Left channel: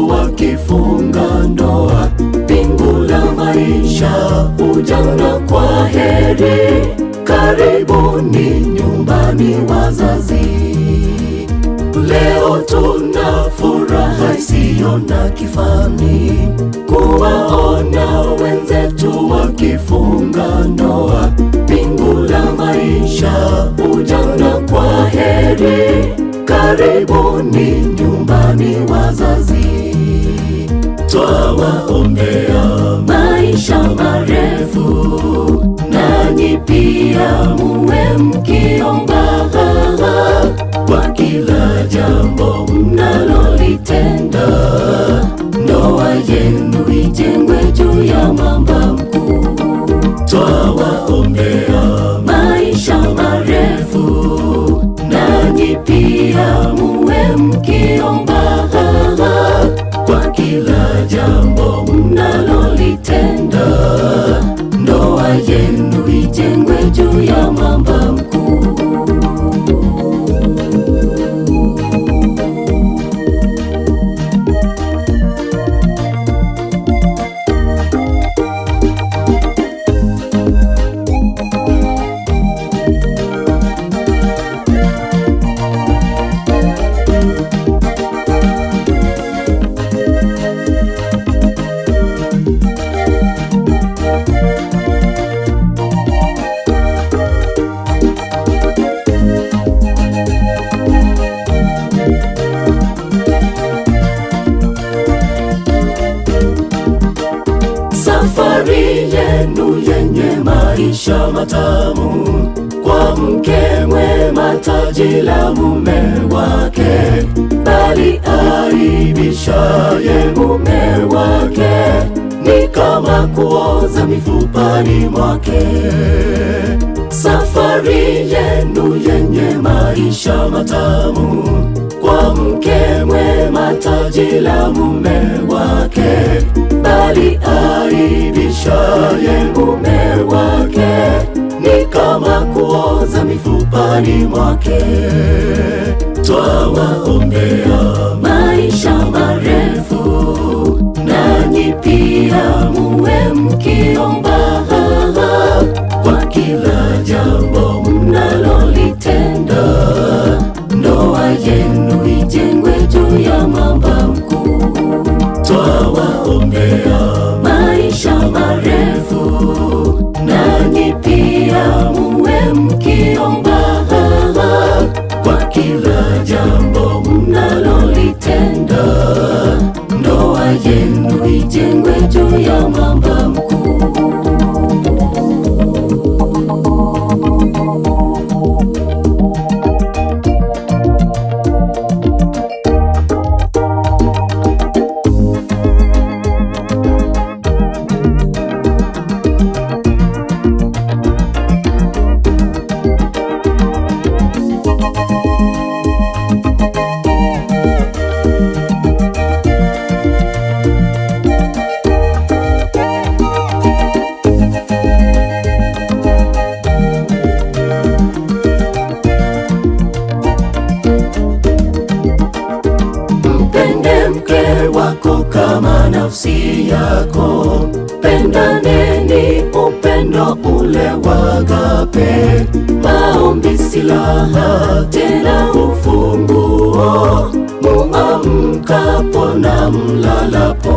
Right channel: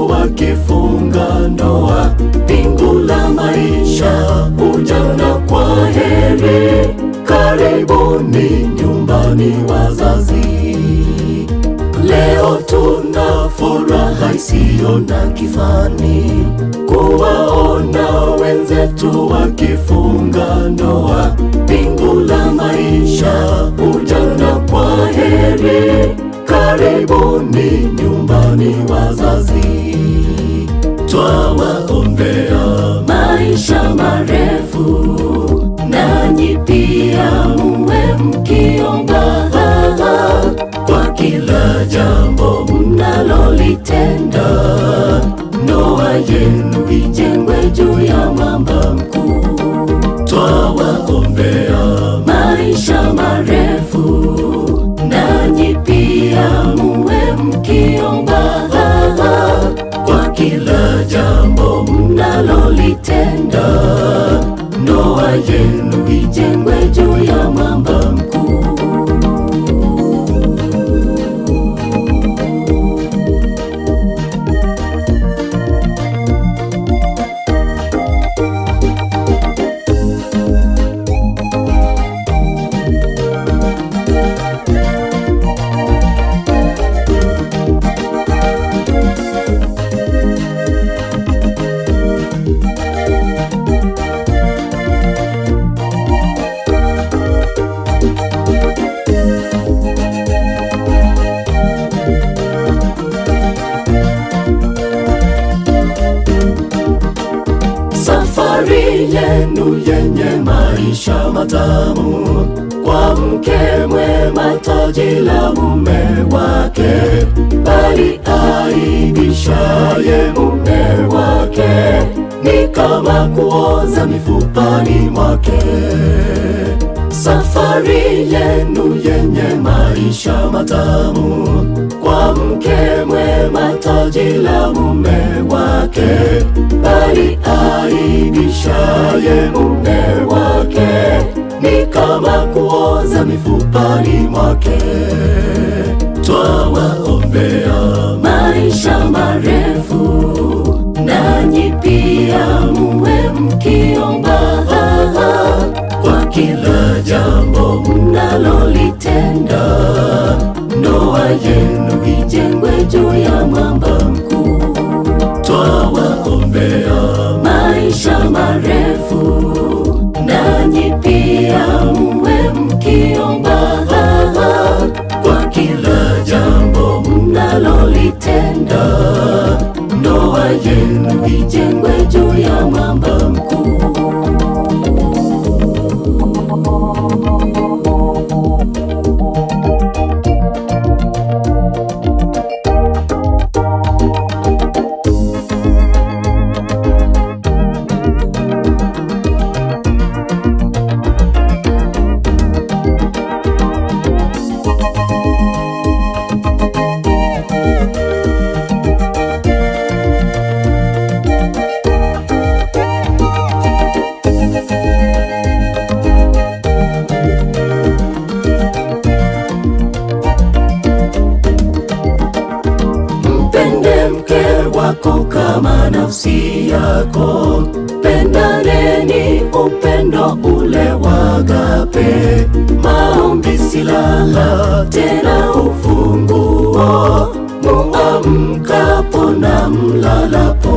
wenzetu wakifunga ndoa, pingu la maisha, ujana kwa heri, karibuni nyumbani wazazi. Leo tuna furaha isiyo na kifani, kuwaona wenzetu wakifunga ndoa, pingu la maisha, ujana kwa heri, karibuni nyumbani wazazi. Twawaombea maisha marefu, nanyi pia muwe mkiomba kwa kila jambo mnalolitenda. Ndoa yenu ijengwe juu ya mwamba mkuu. Twawaombea maisha marefu, nanyi pia muwe mkiomba kwa kila jambo mnalolitenda. Ndoa yenu ijengwe juu ya mwamba mkuu. Safari yenu yenye maisha matamu, kwa mke mwema taji la mume wake, bali aibishaye mume wake ni kama kuoza mifupani mwake. Safari yenu yenye maisha matamu, kwa mke mwema taji la mume wake, bali aibishaye mume wake ni kama kuoza mifupani mwake. Twawaombea maisha marefu, nanyi pia muwe mkiomba kwa kila jambo mnalolitenda. Ndoa yenu ijengwe juu ya mwamba mkuu. Twawaombea maisha marefu, nanyi pia muwe mkiomba kwa kila jambo mnalolitenda. Ndoa yenu ijengwe juu ya mwamba mkuu. Mpende mke wako kama nafsi yako, pendaneni upendo ule wa agape. Maombi silaha tena ufunguo, muamkapo na mlalapo.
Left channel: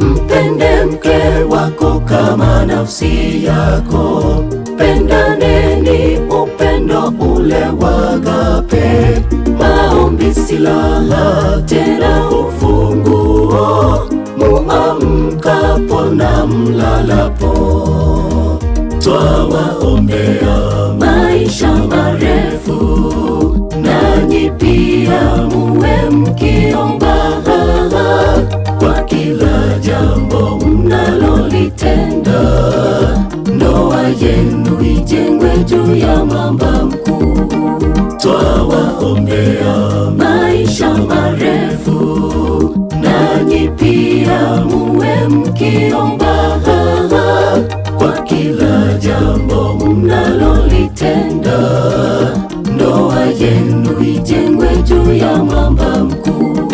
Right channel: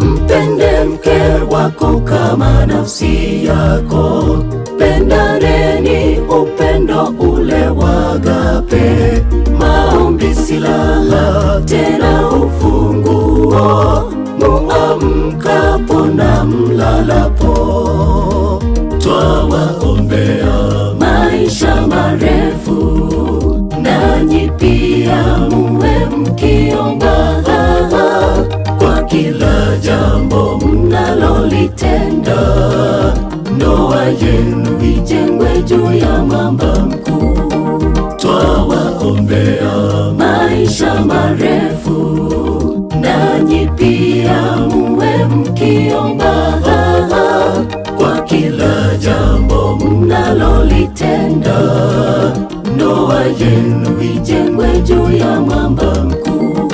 Mpende mke wako kama nafsi yako, pendaneni upendo ule wa agape. Maombi silaha tena ufunguo, muamkapo na mlalapo. Twawaombea maisha marefu, nanyi pia muwe mkiomba kwa kila jambo mnalolitenda. Ndoa yenu ijengwe juu ya mwamba mkuu. Twawaombea maisha marefu, nanyi pia muwe mkiomba kwa kila jambo mnalolitenda. Ndoa yenu ijengwe juu ya mwamba mkuu.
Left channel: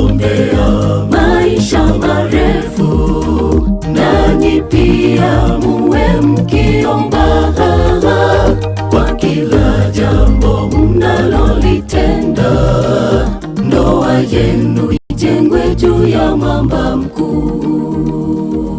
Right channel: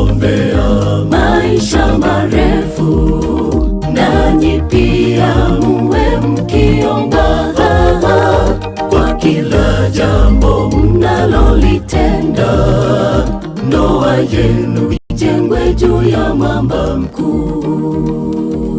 nawaombea maisha marefu, nanyi pia muwe mkiomba kwa kila jambo mnalolitenda. Ndoa yenu ijengwe juu ya mwamba mkuu.